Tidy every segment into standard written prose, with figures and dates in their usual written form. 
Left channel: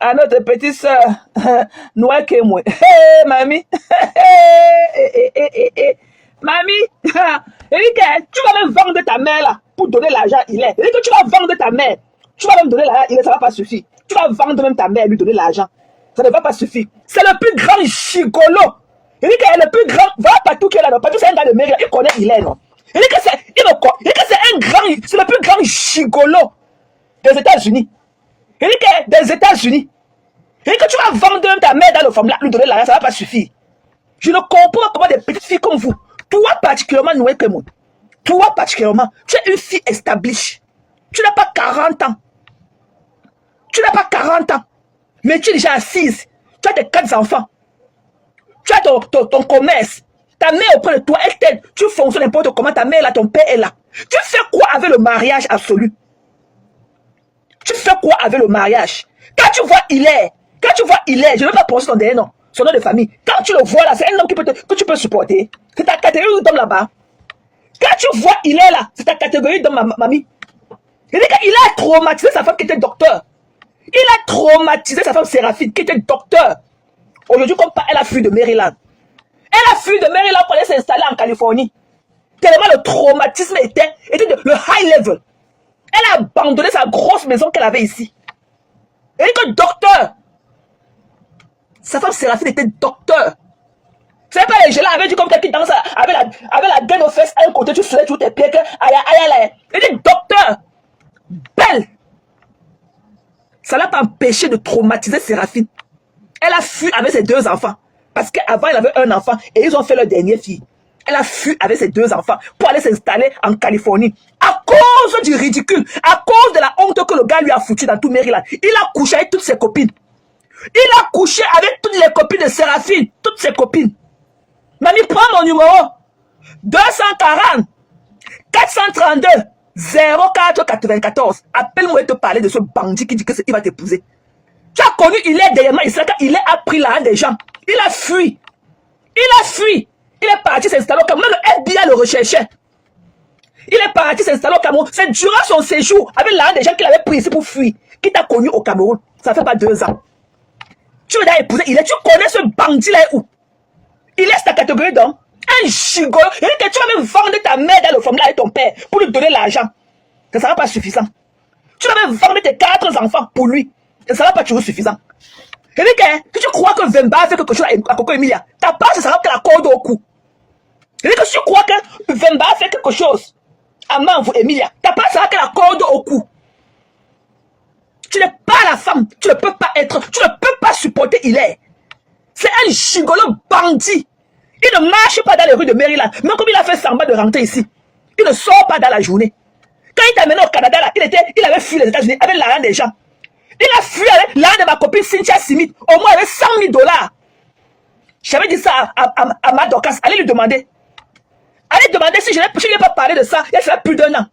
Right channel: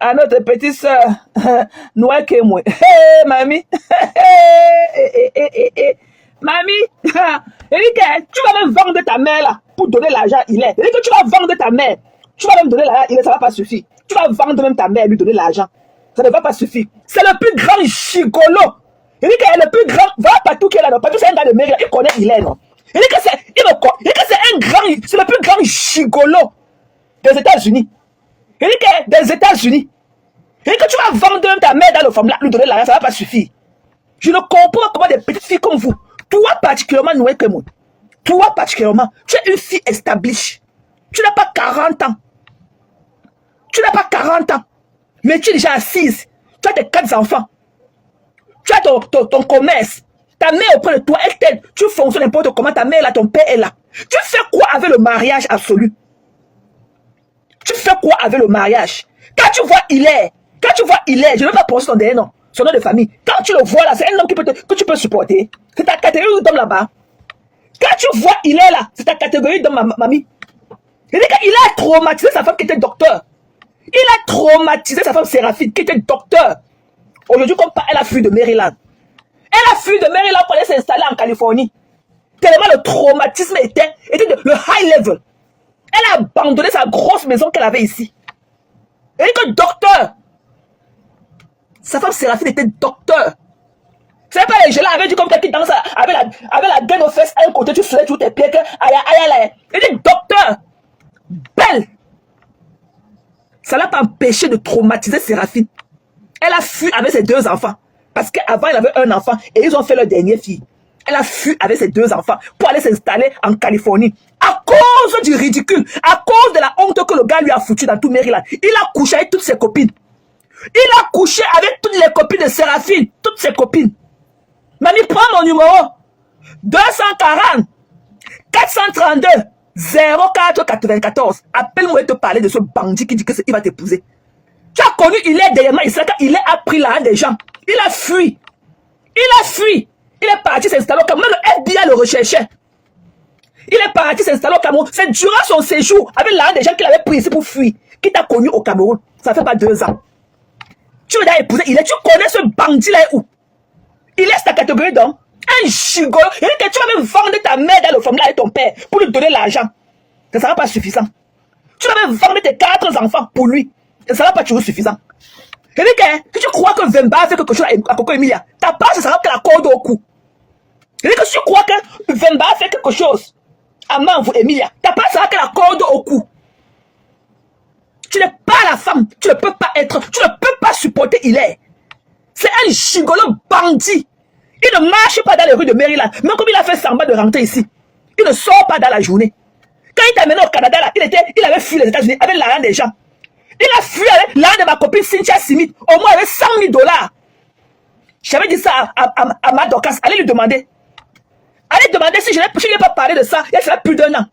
à notre petite soeur, Noah Kemwe. Hey, mamie. Mamie, Eric, tu vas même vendre ta mère là pour donner l'argent à Hilaire. Eric, tu vas vendre ta mère. Tu vas même donner l'argent à Hilaire, ça ne va pas suffire. Tu vas vendre même ta mère et lui donner l'argent. Ça ne va pas suffire. C'est le plus grand gigolo. Eric est le plus grand. Va partout qu'il est là. Partout c'est un gars de mère. Il connaît Hilaire, non? Eric, c'est un grand. C'est le plus grand gigolo des États-Unis. Eric est des États-Unis. Eric, tu vas vendre même ta mère dans le formulat, lui donner l'argent, ça ne va pas suffire. Je ne comprends pas comment des petites filles comme vous, toi particulièrement, Noé Kemwe, toi particulièrement, tu es une fille established. Tu n'as pas 40 ans. Tu n'as pas 40 ans. Mais tu es déjà assise. Tu as tes 4 enfants. Tu as ton commerce. Ta mère auprès de toi, elle t'aide. Tu fonctionnes n'importe comment. Ta mère là, ton père est là. Tu fais quoi avec le mariage absolu? Tu fais quoi avec le mariage? Quand tu vois Hilaire, je ne vais pas penser son dernier nom, son nom de famille. Quand tu le vois là, c'est un homme que tu peux supporter. C'est ta catégorie d'homme là-bas. Quand tu vois Hilaire là, c'est ta catégorie d'homme, mamie. Il a traumatisé sa femme qui était docteur. Il a traumatisé sa femme Séraphine qui était docteur. Aujourd'hui, comme elle a fui de Maryland. Elle a fui de Maryland pour aller s'installer en Californie. Tellement le traumatisme était le high level. Elle a abandonné sa grosse maison qu'elle avait ici. Elle était docteur. Sa femme Séraphine était docteur. C'est pas les gens là avaient dit comme quelqu'un qui danse avec la gaine aux fesses à un côté, tu soulèves tous tes pieds. Elle était docteur. Belle. Ça l'a pas empêché de traumatiser Séraphine. Elle a fui avec ses 2 enfants. Parce qu'avant, elle avait un enfant et ils ont fait leur dernière fille. Elle a fui avec ses 2 enfants pour aller s'installer en Californie. À cause du ridicule, à cause de la honte que le gars lui a foutu dans tout Maryland. Il a couché avec toutes ses copines. Il a couché avec toutes les copines de Séraphine. Toutes ses copines. Mamie, prends mon numéro. 240 432 0494. Appelle-moi et te parler de ce bandit qui dit qu'il va t'épouser. Tu as connu Hilaire derrière il a pris l'argent des gens. Il a fui. Il a fui. Il est parti s'installer au Cameroun. Même le FBI le recherchait. Il est parti s'installer au Cameroun. C'est durant son séjour, avec l'argent des gens qu'il avait pris ici pour fuir, qu'il t'a connu au Cameroun. Ça fait pas 2 ans. Tu veux d'ailleurs épouser Hilaire. Tu connais ce bandit là où? Il est ta catégorie d'homme. Un gigolo. Il dit que tu vas même vendre ta mère dans le formulat avec ton père pour lui donner l'argent. Ça ne sera pas suffisant. Tu vas même vendre tes 4 enfants pour lui. Ça ne sera pas toujours suffisant. Il dit que tu crois que Vemba a fait quelque chose à Coco Emilia, ta part, ce sera que la corde au cou. Il dit que si tu crois que Vemba a fait quelque chose à Manvou Emilia, ta part sera que la corde au cou. Tu n'es pas la femme. Tu ne peux pas être. Tu ne peux pas supporter Hilaire. C'est un gigolo bandit. Il ne marche pas dans les rues de Maryland. Même comme il a fait semblant de rentrer ici. Il ne sort pas dans la journée. Quand il est amené au Canada, là, il avait fui les États-Unis avec l'argent des gens. Il a fui avec l'argent de ma copine Cynthia Smith. Au moins, il avait $100,000. J'avais dit ça à ma Dorcas. Allez lui demander. Allez demander si je n'ai pas parlé de ça. Il y a plus d'1 an.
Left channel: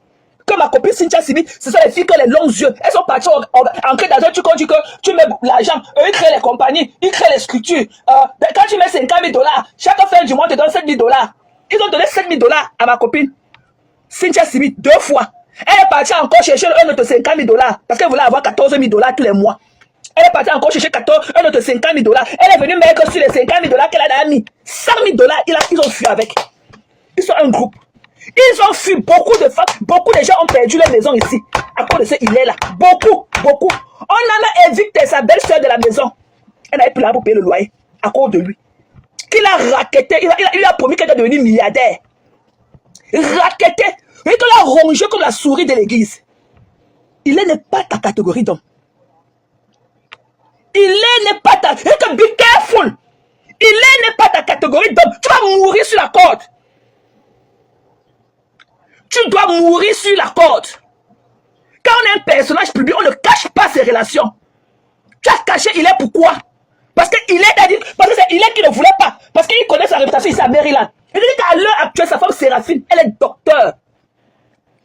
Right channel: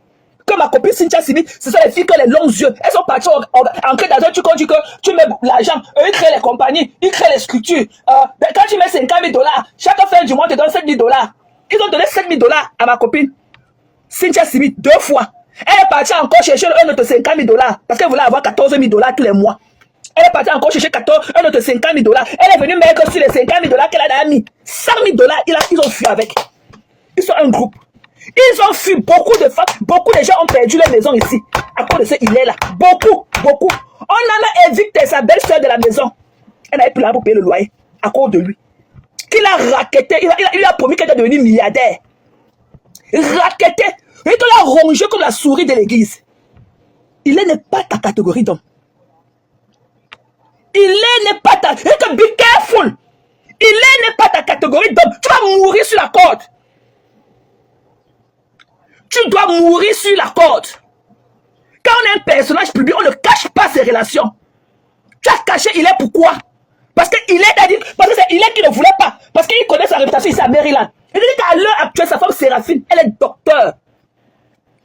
Comme ma copine Cynthia Smith, ce sont les filles qui ont les longs yeux. Elles sont parties ancrées dans un truc. Tu dis que tu mets l'argent. Ils créent les compagnies. Ils créent les structures. Quand tu mets $50,000, chaque fin du mois te donne $7,000. Ils ont donné $7,000 à ma copine Cynthia Smith 2 fois. Elle est partie encore chercher un autre $50,000 parce qu'elle voulait avoir $14,000 tous les mois. Elle est partie encore chercher un autre $50,000. Elle est venue mettre sur les $50,000 qu'elle a mis. $100,000, ils ont fui avec. Ils sont un groupe. Ils ont fui. Beaucoup de femmes, beaucoup de gens ont perdu leur maison ici à cause de ce il est là. Beaucoup. On en a évité sa belle-sœur de la maison. Elle n'avait plus l'argent pour payer le loyer à cause de lui. Il a raquetté. Il a promis qu'elle était devenue milliardaire. Raquetté. Et qu'il a rongé comme la souris de l'église. Il n'est pas ta catégorie d'homme. Il n'est pas ta... Be careful. Il n'est pas ta catégorie d'homme. Tu vas mourir sur la corde. Tu dois mourir sur la corde. Quand on est un personnage public, on ne cache pas ses relations. Tu as caché, il est pourquoi? Parce que il est il est qui ne voulait pas. Parce qu'il connaît sa réputation ici à Maryland. Il dit qu'à l'heure actuelle, sa femme Séraphine, elle est docteur.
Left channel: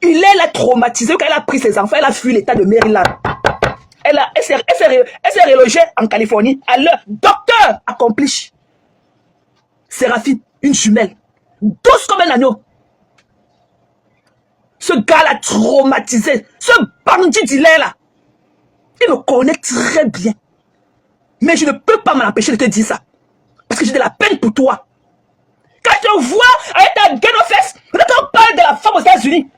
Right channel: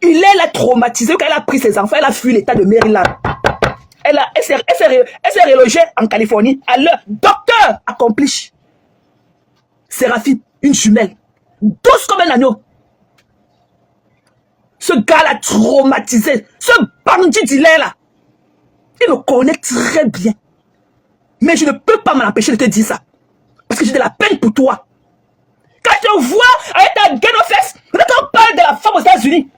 Il est traumatisé quand elle a pris ses enfants, elle a fui l'état de Maryland. Elle s'est relogée en Californie. À l'heure, docteur accompli. Séraphine, une jumelle. Douce comme un agneau. Ce gars l'a traumatisé. Ce bandit d'Hilaire là. Il me connaît très bien. Mais je ne peux pas m'en empêcher de te dire ça. Parce que j'ai de la peine pour toi. Quand je vois avec ta gaine aux fesses, quand on parle de la femme aux États-Unis,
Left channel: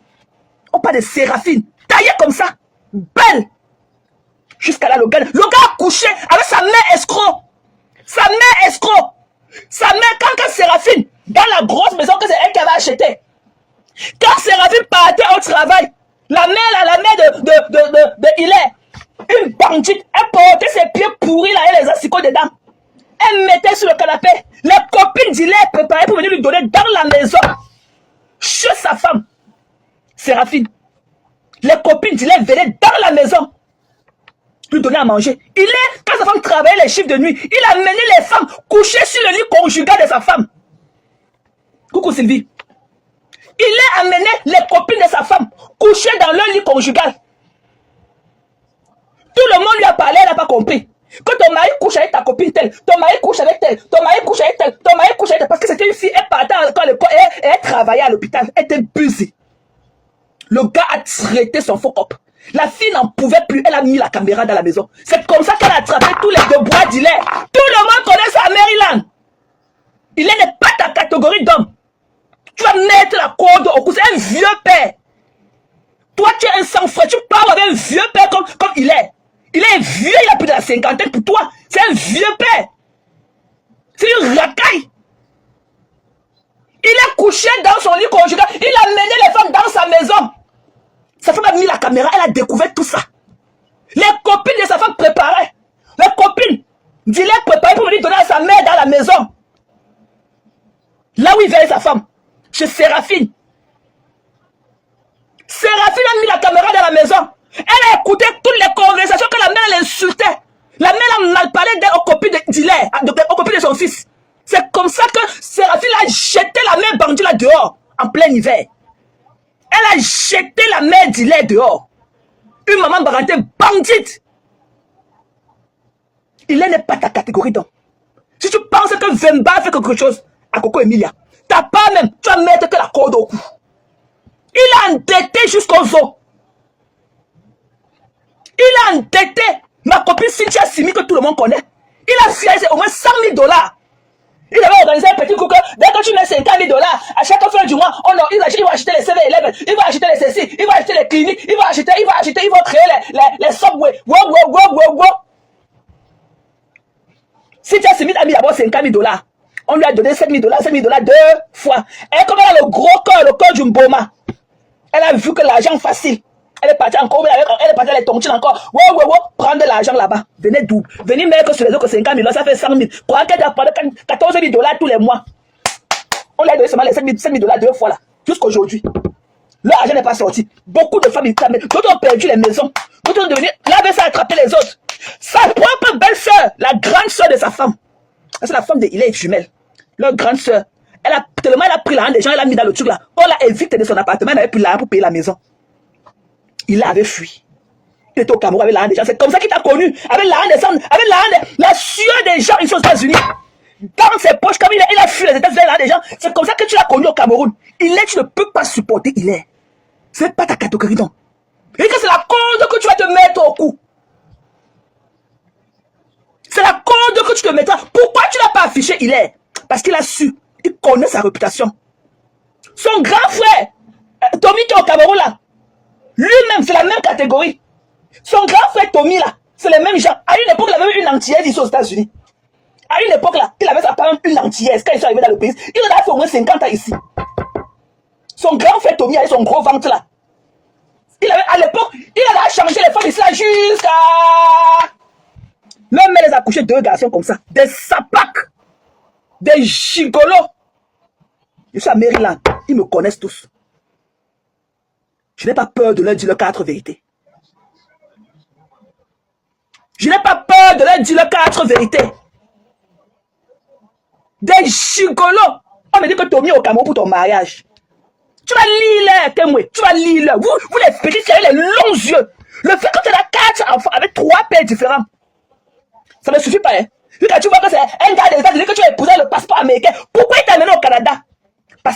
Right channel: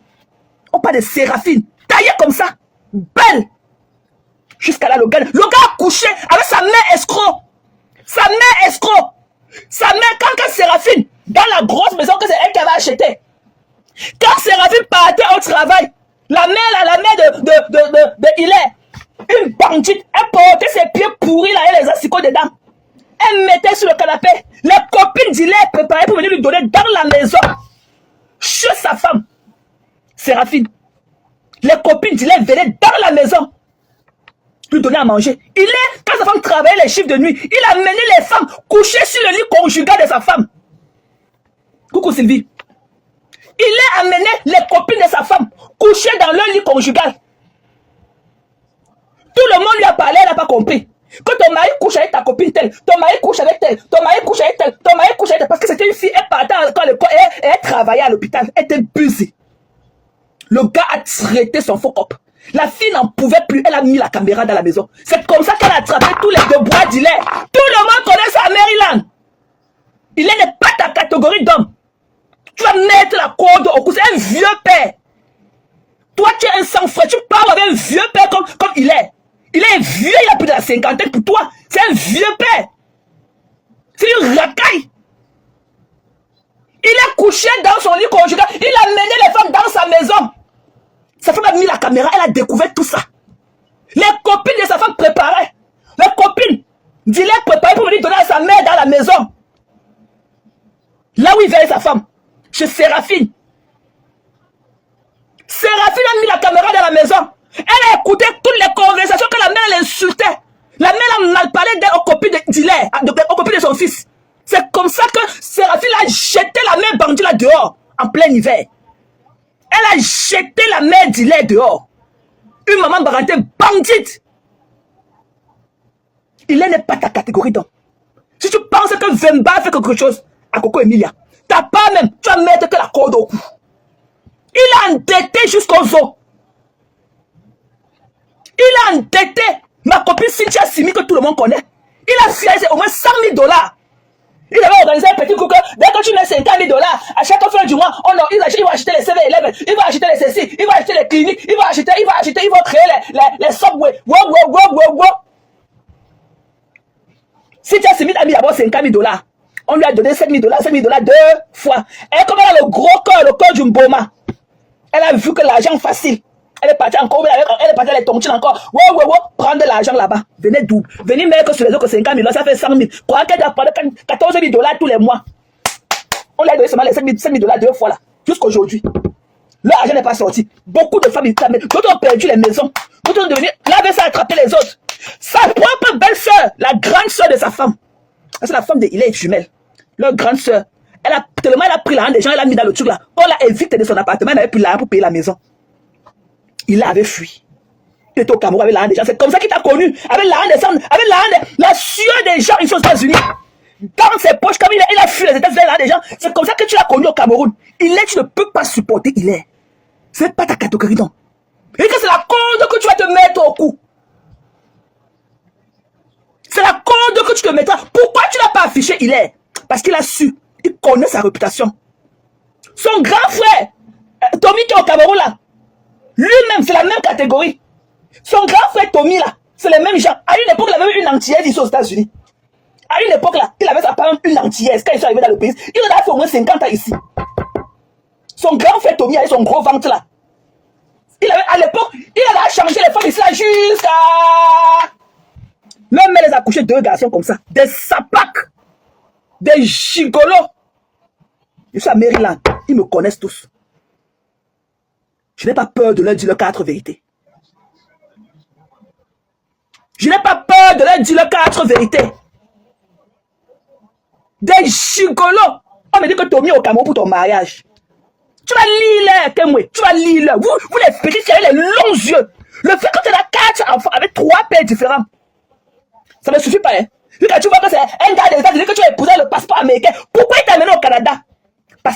on parle de Séraphine, taillée comme ça, belle. Jusqu'à là, le gars a couché avec sa mère escroc. Sa mère escroc. Sa mère, quand Séraphine, dans la grosse maison que c'est elle qui avait acheté. Quand Séraphine partait au travail, la mère de Hilaire, une bandite, elle portait ses pieds pourris là et les asticots dedans. Elle mettait sur le canapé. Les copines d'Hilaire préparaient pour venir lui donner dans la maison. Chez sa femme, Séraphine. Les copines d'Hilaire venaient dans la maison. Lui donner à manger. Hilaire, quand sa femme travaillait les chiffres de nuit, il a mené les femmes coucher sur le lit conjugal de sa femme. Coucou Sylvie. Il a amené les copines de sa femme coucher dans leur lit conjugal. Tout le monde lui a parlé, elle n'a pas compris. Quand ton mari couche avec ta copine telle, ton mari couche avec telle, ton mari couche avec telle, ton mari couche avec telle, parce que c'était une fille, elle partait à l'école et elle travaillait à l'hôpital, elle était busy. Le gars a traité son faux cop. La fille n'en pouvait plus, elle a mis la caméra dans la maison. C'est comme ça qu'elle a attrapé tous les déboires d'Hilaire. Tout le monde connaît ça à Maryland. Hilaire n'est pas ta catégorie d'homme. Tu vas mettre la corde au cou, c'est un vieux père. Toi, tu es un sang-froid, tu parles avec un vieux père comme Hilaire. Il est vieux, il a plus de la cinquantaine pour toi. C'est un vieux père. C'est une racaille. Il est couché dans son lit conjugal. Il a mené les femmes dans sa maison. Sa femme a mis la caméra, elle a découvert tout ça. Les copines de sa femme préparaient. Les copines d'Hilaire préparaient pour venir donner à sa mère dans la maison. Là où il vient avec sa femme. Chez Séraphine. Séraphine a mis la caméra dans la maison. Elle a écouté toutes les conversations que la mère l'insultait. La mère a mal parlé aux copines d'Hilaire, aux copines de son fils. C'est comme ça que Séraphine a jeté la mère bandit là dehors, en plein hiver. Elle a jeté la mère d'Hilaire dehors. Une maman barantée bandite. Hilaire n'est pas ta catégorie d'homme. Si tu penses que Vemba fait quelque chose à Coco Emilia, t'as pas même, tu vas mettre la corde au cou. Il a endetté jusqu'aux os. Il a endetté ma copine Cynthia Simi que tout le monde connaît. Il a financé au moins 100 000 $. Il avait organisé un petit coup que dès que tu mets 50 000 $, à chaque fin du mois, il va acheter les 7-Eleven, il va acheter les ceci, il va acheter les cliniques, il va créer les subways. Wow. Cynthia Simi a mis d'abord 50 000 $. On lui a donné 7 000 $, 2 fois. Et comme elle a le gros cœur, le cœur du Mboma, elle a vu que l'argent facile. Elle est partie encore, elle est partie à les tontines encore. Wow, prendre de l'argent là-bas. Venez mettre sur les autres 50 000 $, ça fait 100 000. Pour qu'elle doit prendre 14 000 $ tous les mois. On lui a donné seulement les 7 000 $ 2 fois là. Jusqu'aujourd'hui. L'argent n'est pas sorti. Beaucoup de femmes, d'autres ont perdu les maisons. D'autres ont devenu, là, avait ça attraper les autres. Sa propre belle-sœur, la grande sœur de sa femme. C'est la femme de Hilaire jumelle. Leur grande sœur. Tellement elle a pris l'argent des gens, elle a mis dans le truc là. On l'a évité de son appartement, elle n'avait plus l'argent pour payer la maison. Il avait fui. Il était au Cameroun avec l'argent des gens. C'est comme ça qu'il t'a connu. Avec l'argent des hommes, avec l'argent la sueur des gens ici aux États-Unis. Dans ses poches, comme il a fui les États-Unis avec l'argent des gens. C'est comme ça que tu l'as connu au Cameroun. Tu ne peux pas supporter Hilaire. C'est pas ta catégorie donc. Et que c'est la corde que tu vas te mettre au cou. C'est la corde que tu te mettras. Pourquoi tu n'as pas affiché Hilaire? Parce qu'il a su. Il connaît sa réputation. Son grand frère, Tommy qui est au Cameroun là, lui-même, c'est la même catégorie. Son grand frère Tommy là, c'est les mêmes gens. À une époque, il avait une antillaise ici aux États-Unis. À une époque là, il avait ça quand même une antillaise quand il est arrivé dans le pays. Il a fait au moins 50 ans ici. Son grand frère Tommy avait son gros ventre là. À l'époque, il avait changé les femmes ici là jusqu'à... Même elle les a couché 2 garçons comme ça. Des sapacs. Des gigolos. Je suis à Maryland. Ils me connaissent tous. Je n'ai pas peur de leur dire le 4 vérités. Je n'ai pas peur de leur dire le 4 vérités. Des gigolos. On me dit que Tommy est au Cameroun pour ton mariage. Tu vas lire les témoins. Tu vas lire. Vous les petits qui avez les longs yeux. Le fait que tu as 4 enfants avec 3 pères différents. Ça ne suffit pas. Hein. Quand tu vois que c'est un gars des États-Unis que tu as épousé le passeport américain, pourquoi il t'a amené au Canada?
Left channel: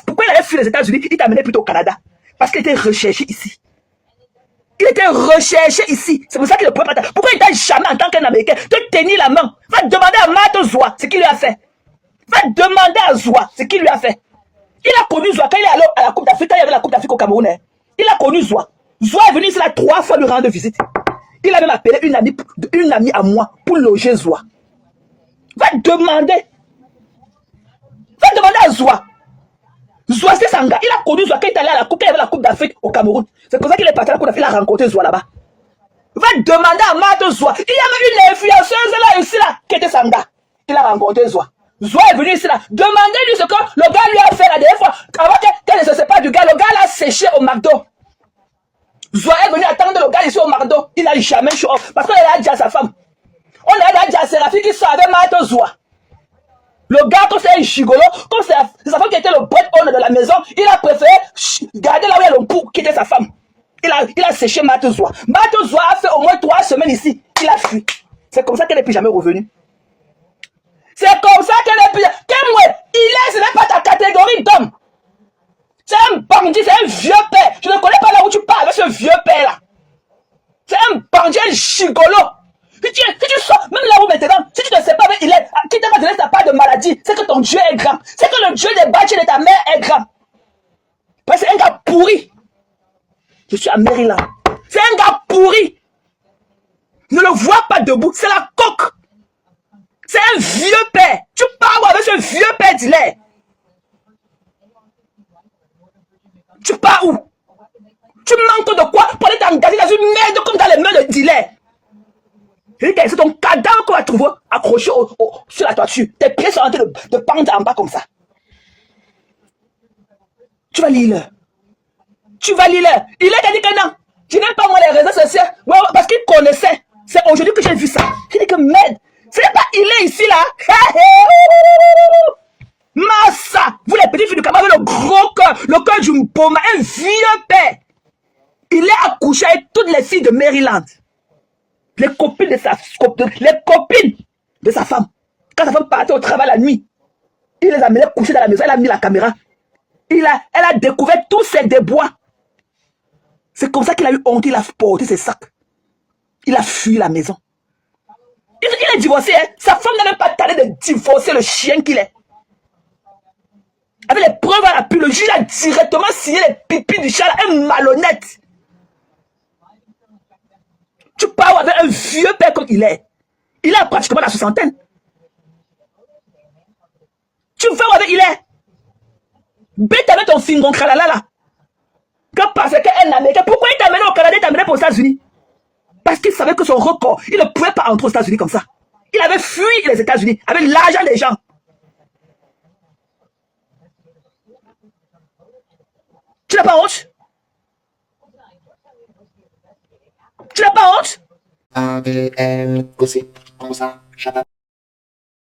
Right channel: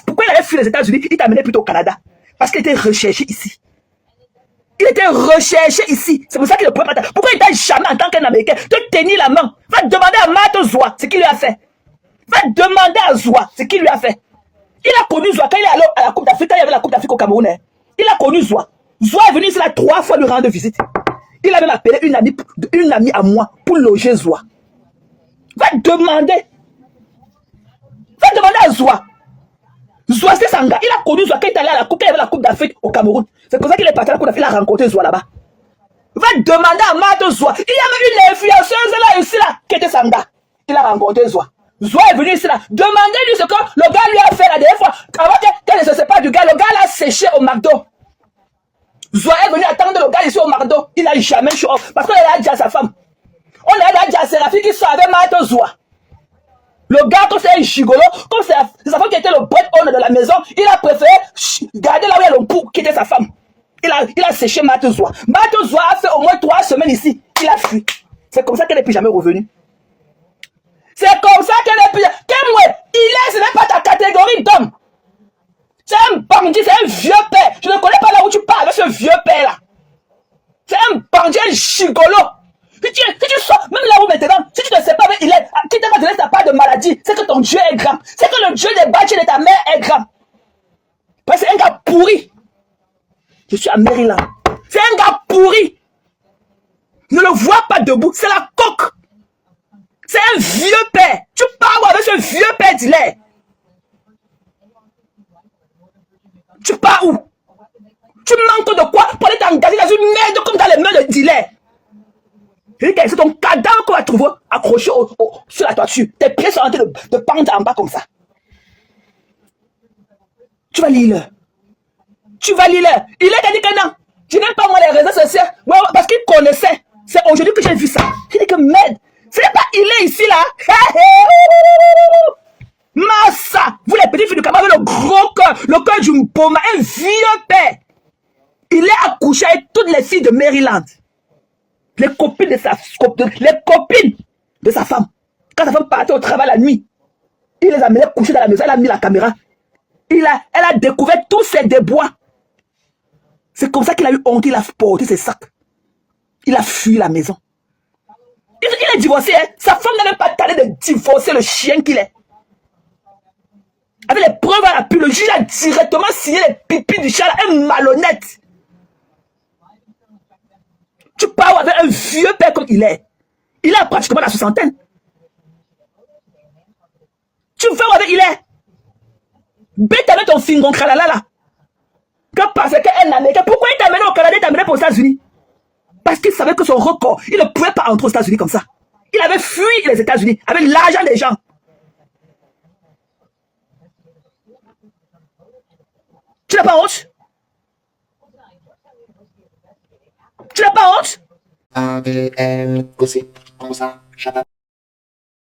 Pourquoi il avait fui les États-Unis, il t'a amené plutôt au Canada? Parce qu'il était recherché ici. Il était recherché ici. C'est pour ça qu'il ne peut pas. Pourquoi il t'a jamais, en tant qu'un Américain, te tenir la main? Va demander à Mato Zoua ce qu'il lui a fait. Va demander à Zoua ce qu'il lui a fait. Il a connu Zoua quand il est allé à la Coupe d'Afrique, quand il y avait la Coupe d'Afrique au Cameroun. Il a connu Zoua. Zoua est venu ici là 3 fois lui rendre visite. Il a même appelé une amie à moi pour loger Zoua. Va demander. Va demander à Zoua. Zoua, c'est Sanga. Il a connu Zoua quand il est allé à la Coupe, quand il y avait la Coupe d'Afrique au Cameroun. C'est pour ça qu'il est parti à la Coupe d'Afrique, il a rencontré Zoua là-bas. Va demander à Mato Zoua. Il y avait une influenceuse là ici là, qui était Sanga. Il a rencontré Zoua. Zoua est venu ici là. Demandez-lui ce que le gars lui a fait la dernière fois. Quand il ne se sépare du gars, le gars l'a séché au McDo. Zoua est venu attendre le gars ici au McDo. Il n'a jamais show off. Parce qu'il a dit à sa femme. On a dit à Séraphine qui sort avec Mato Zoua. Le gars, quand c'est un gigolo, comme c'est sa femme qui était le bread owner de la maison, il a préféré garder là où il y a le bout qui était sa femme. Il a séché Mato Zoua. Mato Zoua a fait au moins 3 semaines ici. Il a fui. C'est comme ça qu'elle n'est plus jamais revenue. C'est comme ça qu'elle n'est plus jamais. Ce n'est pas ta catégorie d'homme. C'est un bandit, c'est un vieux père. Je ne connais pas là où tu parles avec ce vieux père là. C'est un bandit, un gigolo. Si tu sors, même là où maintenant, si tu ne sais pas avec il est, qui t'a donné ta part de maladie, c'est que ton Dieu est grand. C'est que le Dieu des bâtis de ta mère est grand. Parce que c'est un gars pourri. Je suis à Maryland. C'est un gars pourri. Ne le vois pas debout, c'est la coque. C'est un vieux père. Tu parles avec ce vieux père d'Hilaire. Tu pars où? Tu manques de quoi pour aller t'engager dans une merde comme dans les mains de Hilaire? C'est ton cadavre qu'on va trouver accroché sur la toiture. Tes pieds sont en train de pendre en bas comme ça. Tu vas lire. Tu vas lire. Il a dit que non. Je n'aime pas moi les réseaux sociaux. Ouais, parce qu'il connaissait. C'est aujourd'hui que j'ai vu ça. Il dit que merde. Ce n'est pas il est ici là. Massa. Vous les petits filles du Cameroun, le gros cœur. Le cœur du Mpoma. Un vieux père. Il est accouché avec toutes les filles de Maryland. Les copines de sa femme. Quand sa femme partait au travail la nuit, il les amenait coucher dans la maison, elle a mis la caméra. Elle a découvert tous ses débois. C'est comme ça qu'il a eu honte, il a porté ses sacs. Il a fui la maison. Il est divorcé, hein? Sa femme n'avait pas tardé de divorcer le chien qu'il est. Avec les preuves à l'appui, le juge a directement signé les pipis du chat, un malhonnête. Tu parles avec un vieux père comme il est. Il a pratiquement la 60aine. Tu vas avec il est. Bête avec ton fingon kralala là. Que parce qu'un Américain, pourquoi il t'a amené au Canada, il t'a amené pour les États-Unis? Parce qu'il savait que son record, il ne pouvait pas entrer aux États-Unis comme ça. Il avait fui les États-Unis avec l'argent des gens. Tu n'as pas honte? Tu n'as pas honte? ADN, gossip, comme ça,